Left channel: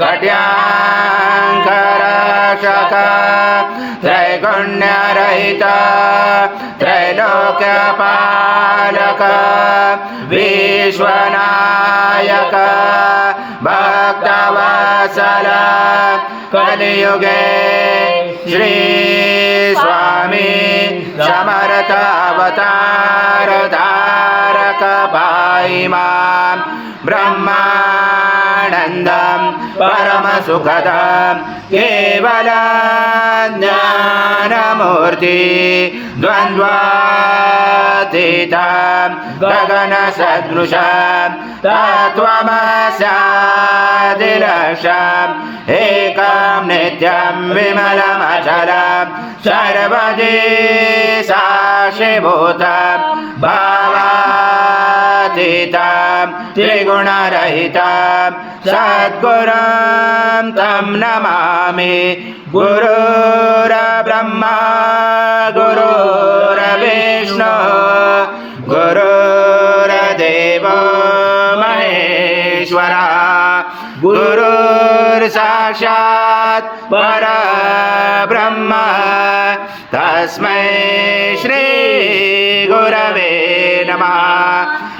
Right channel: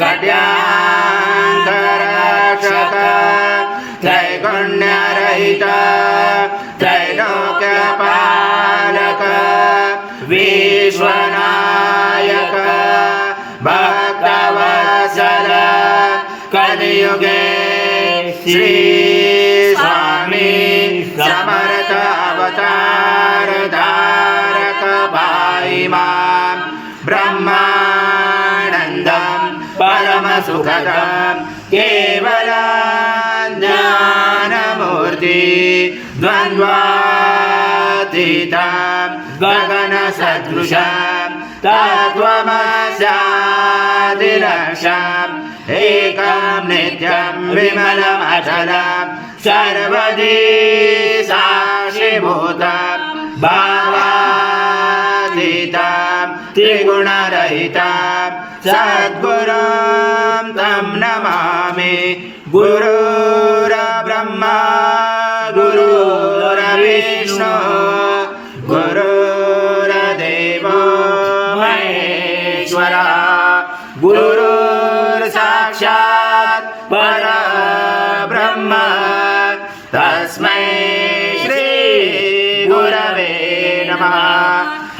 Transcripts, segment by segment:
कट्याङ्करक्षक त्रैगुण्यरहित त्रैलोक्यपालक विश्वनायक भक्तवत्सल कलियुगे श्री स्वामी समर्थ अवतार धारक भाई मां ब्रह्मानन्दं परम सुखदं केवल ज्ञानमूर्ति द्वन्द्वातीतं गगन सदृशं तत्त्वमस्यादिलक्ष्यम् एकं नित्यं विमलमचलं सर्वदि साक्षिभूतं भावातीतं त्रिगुणरहितं सद्गुरुं तं नमामि गुरुर्ब्रह्मा गुरुर्विष्णु गुरुर्देवो महेश्वरः गुरुर्साक्षात् परब्रह्म तस्मै श्री गुरवे नमः।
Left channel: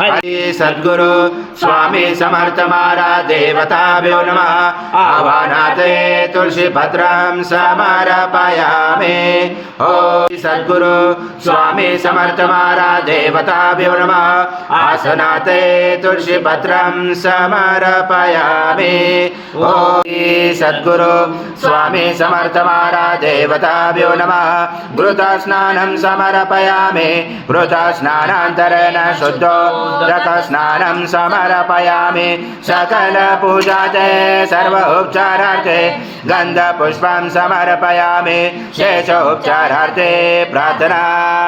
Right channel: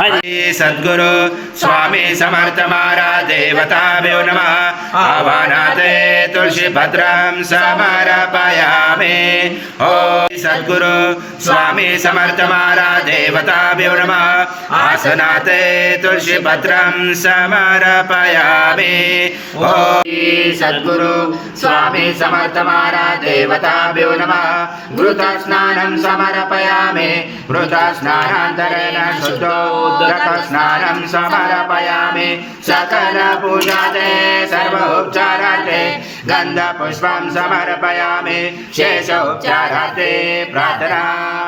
हरि सद्गुरु स्वामी समर्थ महाराज देवताभ्यो नमः। आवाहनाते तुलसी भद्रं समर्पयामि। ओम सद्गुरु स्वामी समर्थ महाराज देवताभ्यो नमः। आसनाते तुलसी भद्रं समर्पयामि। ओम सद्गुरु स्वामी समर्थ महाराज देवताभ्यो नमः। घृत स्नानं समर्पयामि। घृत स्नानान्तरेण शुद्धो स्नानं समर्पयामि। सकल पूजाते सर्वोपचारार्थे गन्धपुष्पं समर्पयामि। शेषोपचारार्थे प्रार्थना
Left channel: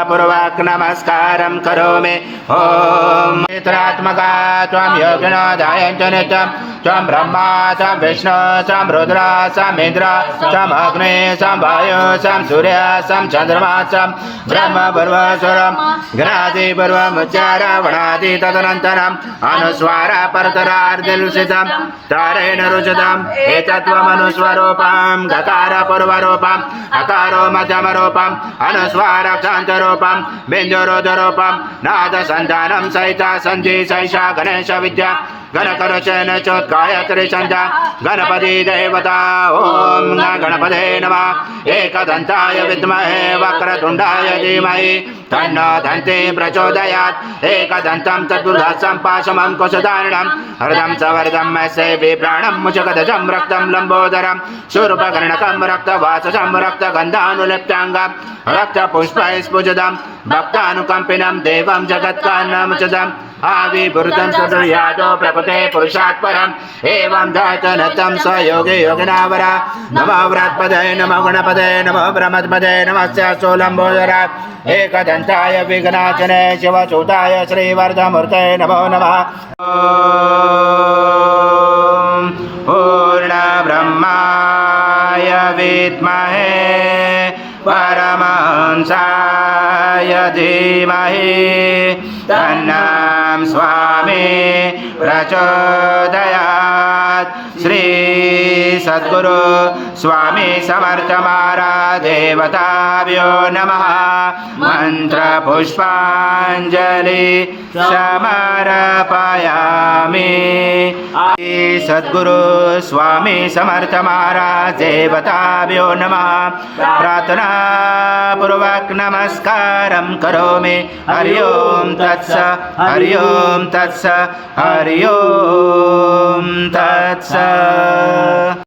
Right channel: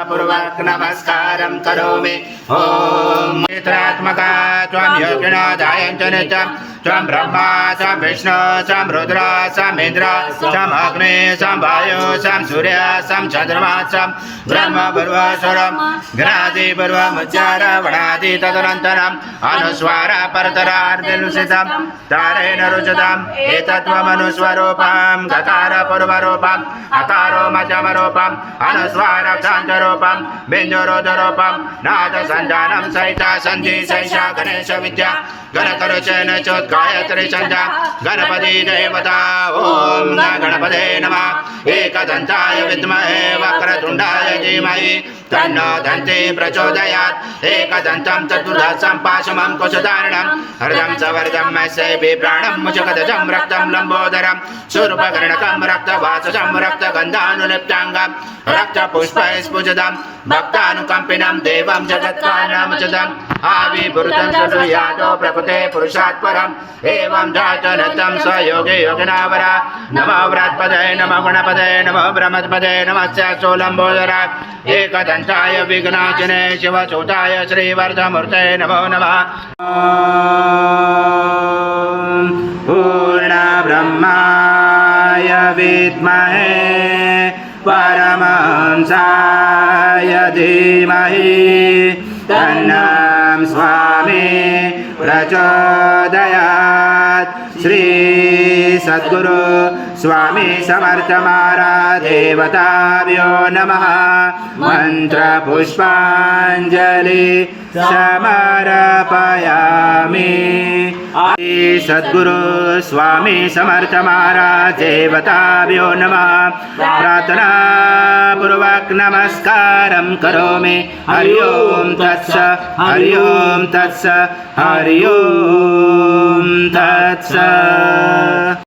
पूर्वक नमस्कारं करोमि। ओम नेत्रात्मका त्वं योगिनो ध्यायन्तो नित्यं त्वं ब्रह्मा त्वं विष्णु त्वं रुद्र त्वं इन्द्र त्वं अग्नि त्वं वायु त्वं सूर्य त्वं चन्द्रमा त्वं ब्रह्म पूर्वस्वरं घ्रादि पूर्वमुच्चार वणादि तदनन्तरम् अनुस्वार परतरार्धलुषितं तारेण रुचितं एतत्त्वमनुस्वरूपं गकार पूर्वरूपं अकारो मध्यमरूपं अनुस्वार क्षान्तरूपं बिन्दुरुद्धरूपं नादसन्धानं सहिता सन्धि सैषा गणेश विद्या गणकरचन चोत्गायत्री छन्दा गणपति देवता। ओम गणपते नमः। एकदन्ताय विद्महे वक्रतुण्डाय धीमहि तन्नो दन्ती प्रचोदयात्। एकदन्तं चतुर्दशं पाशमं कुशधारणं हृदं सवर्धं मत्स्ये प्राणं मुचकदजं रक्तं लम्बोदरं शूर्पकर्णकं रक्तवासजं रक्तगन्धानुलिप्ताङ्गं रक्तपुष्पैस्फुजितं भक्तानुकम्पिनं देवं जगत्कारणमुचितम् आविर्भूतं सुयादो प्रपते पुरुषात् परम् एवं धातनतं स योगे योगिनावरा। नमो व्रात्पदे नमो गणपते नमो ब्रह्मपदे नमस्य सोलम्बोदरात् एकदन्ताय विघ्नाचने शिवचूताय श्रीवर्धमूर्ते नमो नमः। पूर्णब्रह्माय विद्महे परमहंसाय धीमहि तन्नं स्वामी प्रचोदयात्। श्री सद्गुरु स्वामी समर्थ महाराज देवताभ्यो नमः। मंत्र पुष्पांजलि समर्पयामि। सद्गुरु स्वामी समर्थ महाराज देवताभ्यो नमः। प्रार्थना पूर्वक नमस्कारं करोमि। हरि ओम तत्स हरि ओम तत्स हरि ओम तत्स।